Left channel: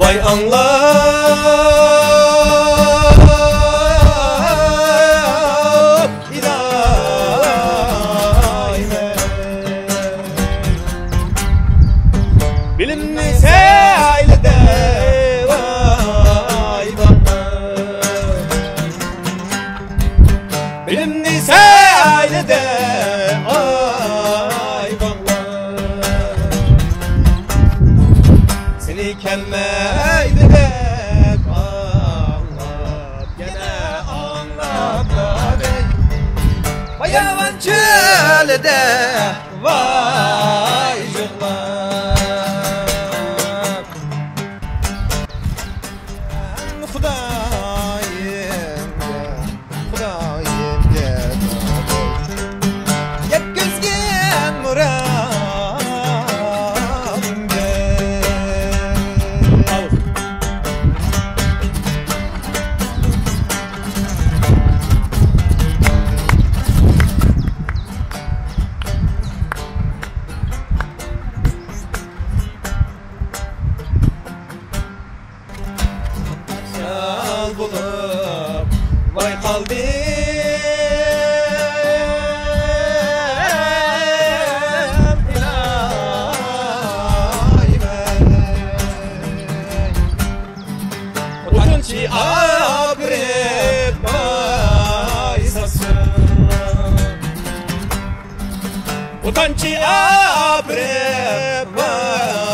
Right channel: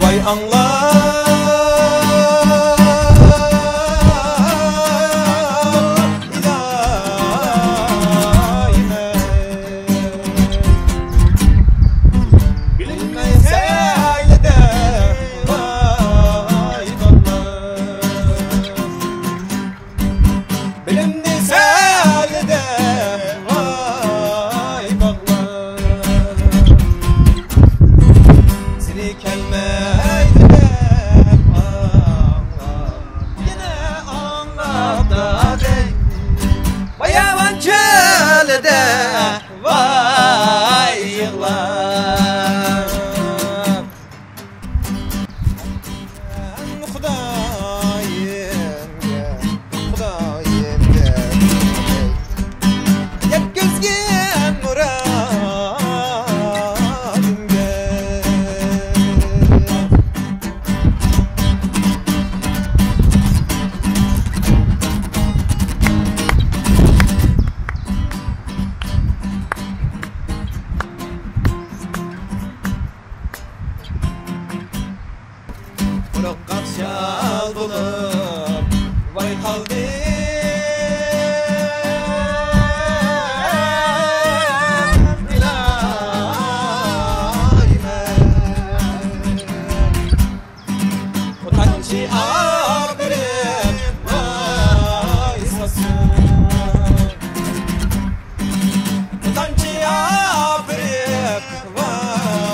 Vay anla ilahime bilinmez ailede vay baba bilinmez ailede vay baba seni kelmeydi de anlat yine anlat da dey bayavan çölde vay yığlar Xudayim gel yetkizgin muradim gel Yal bulup vay kaldım ilahime Utançı abirip vay sasın Utançı abirip vay